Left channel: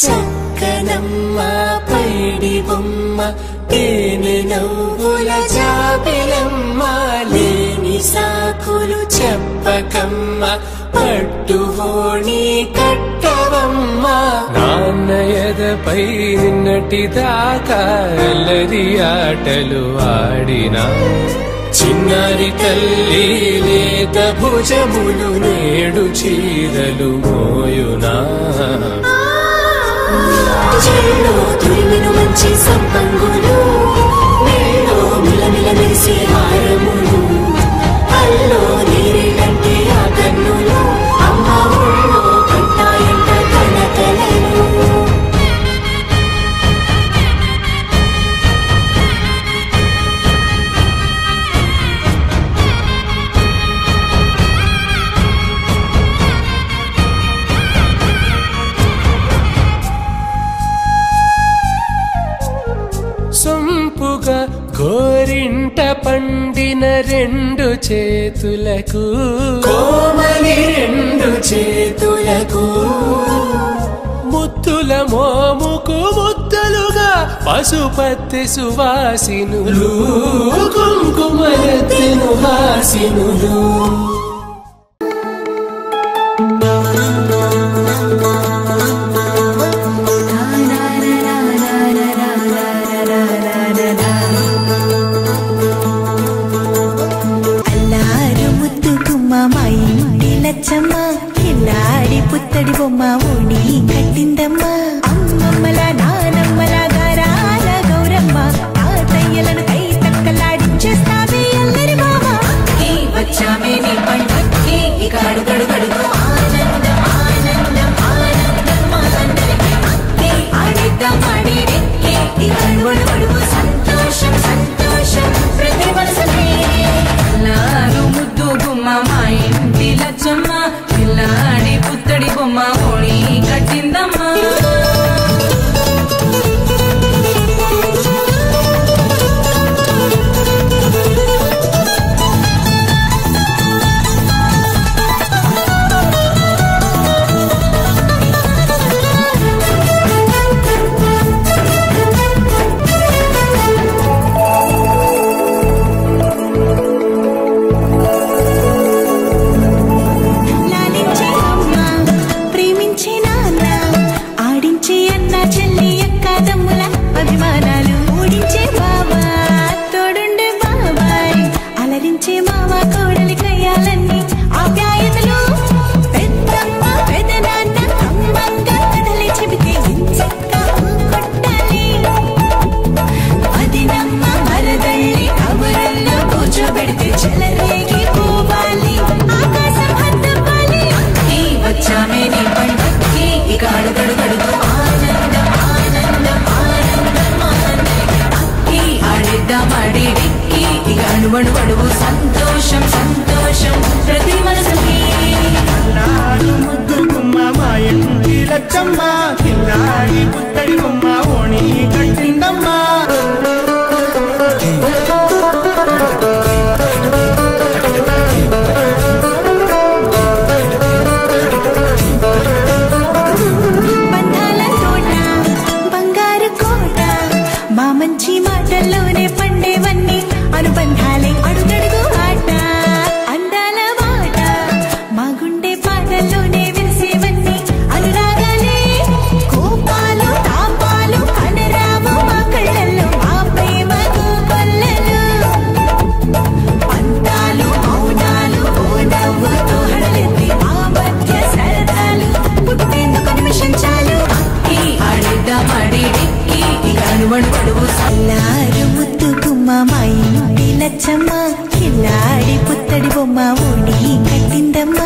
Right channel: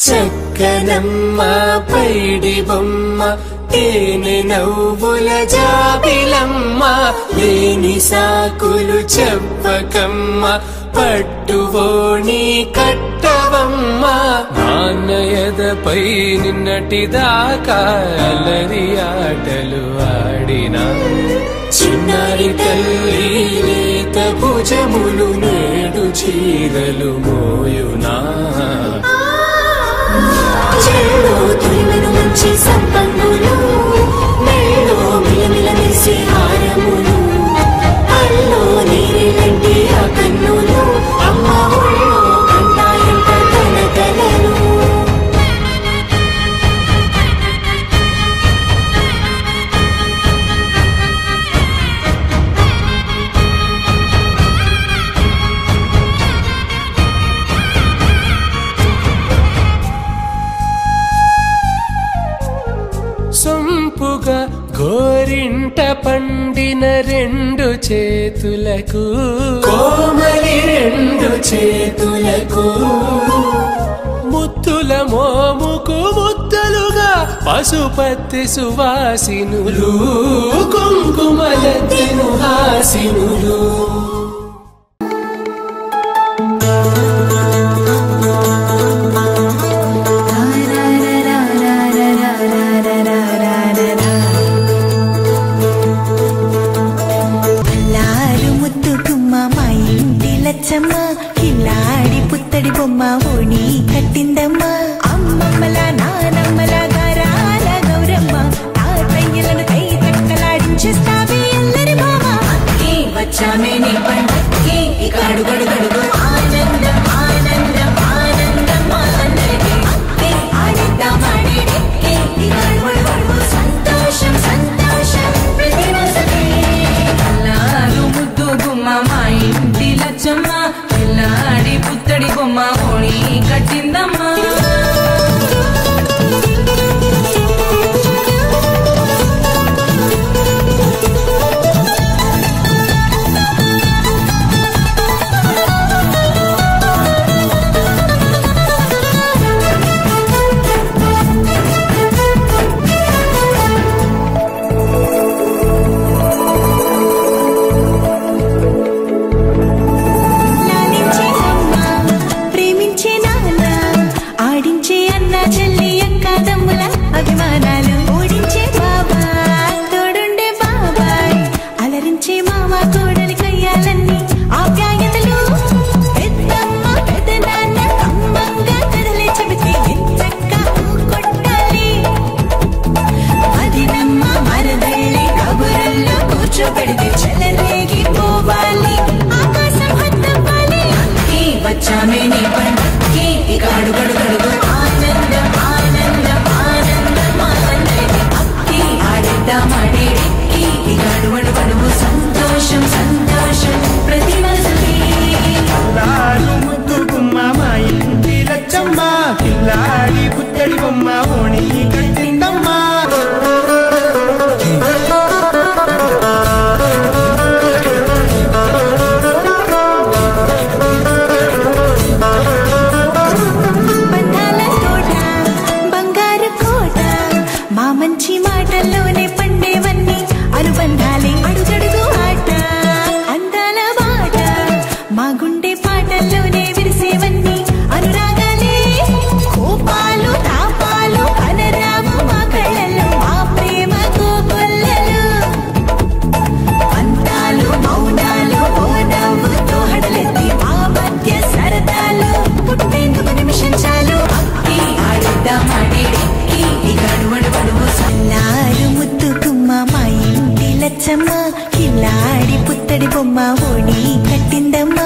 చక్కనమ్మ పైడి బొమ్మ తేనె నవ్వుల జాబిలమ్మ లేని సాకులు చెప్పకమ్మ పట్టుబోని కట్టవమ్మ నాన్నయదపై నిన్నటిదాకా అల్లరి ఆటలు ఆడినా చిన్నారి తల్లి లేత భుజములు నేడు చీరలు మోయునా మంచి సంపంగులు మేడో మిలమిల మెరిసే హారములు అల్లో నీరేలంటే ఆ కన్నులు అమ్మ ఊళ్ళో అంటాయంట కలకలలు సొంపుగా గోరింట పండిన రెండు చేతులకు కోమలి రెండు చేతులకు ముత్తుల మోముకు ముద్దలుగా పసుపత్తి సువాసినులు కుంకుమలెత్తిను హాసినులు కిల్లాడి పుత్తడి బొమ్మ ఓణి కట్టిందమ్మ అమ్మమ్మల నానమ్మల గారాల గౌరమ్మ తాతయ్యలను కై తట్టలాడించేస్తావే అందరి బావ వచ్చామే నీ పండుగకి ఇక అడుగడుగడుగు ఆనందం ఆనందం ఆనందం అందరికీ ఆడిద్దాం ఆడిడే ఇక అడుగడుగు సంతోషం సంతోషం ప్రతి మసలే అల్లారు ముద్దు గుమ్మ మా ఇంటి లచ్చమ్మ పిల్లాడి పుత్తడి బొమ్మ ఓణి కట్టిందమ్మా సంతోషం సంతోషం ప్రతి ముద్దు గుమ్మ మా ఇంటి లచ్చమ్మ పిల్లాడి పుత్తడి బొమ్మ ఓణి కట్టిందమ్మా బంధాల కోట బంగారు కోట మా మంచి మాటల్లోనే పండేవన్నీ అనుబంధాలే అడుగడుగు ఆట అందాల వాట మా గుండె పాటల్లోనే విరిసేవన్నీ అనురాగాలేనే కోపాలు తాపాలు కనరావు మా కళ్ళల్లో మా ప్రేమ కోకొల్లలు అంతాలు మౌనాలు ఓ నవ్వుతో హడలెత్తి మా మధ్య సరదాలు పుట్టేందుకు నిమిషం చాలు అక్కి ఆడిద్దాం ఆడిడే ఈ కనుమడు పడువు సల్లారు ముద్దు గుమ్మ మా ఇంటి లచ్చమ్మ కిల్లాడి పుత్తడి బొమ్మ ఓణి కట్టిందమ్మ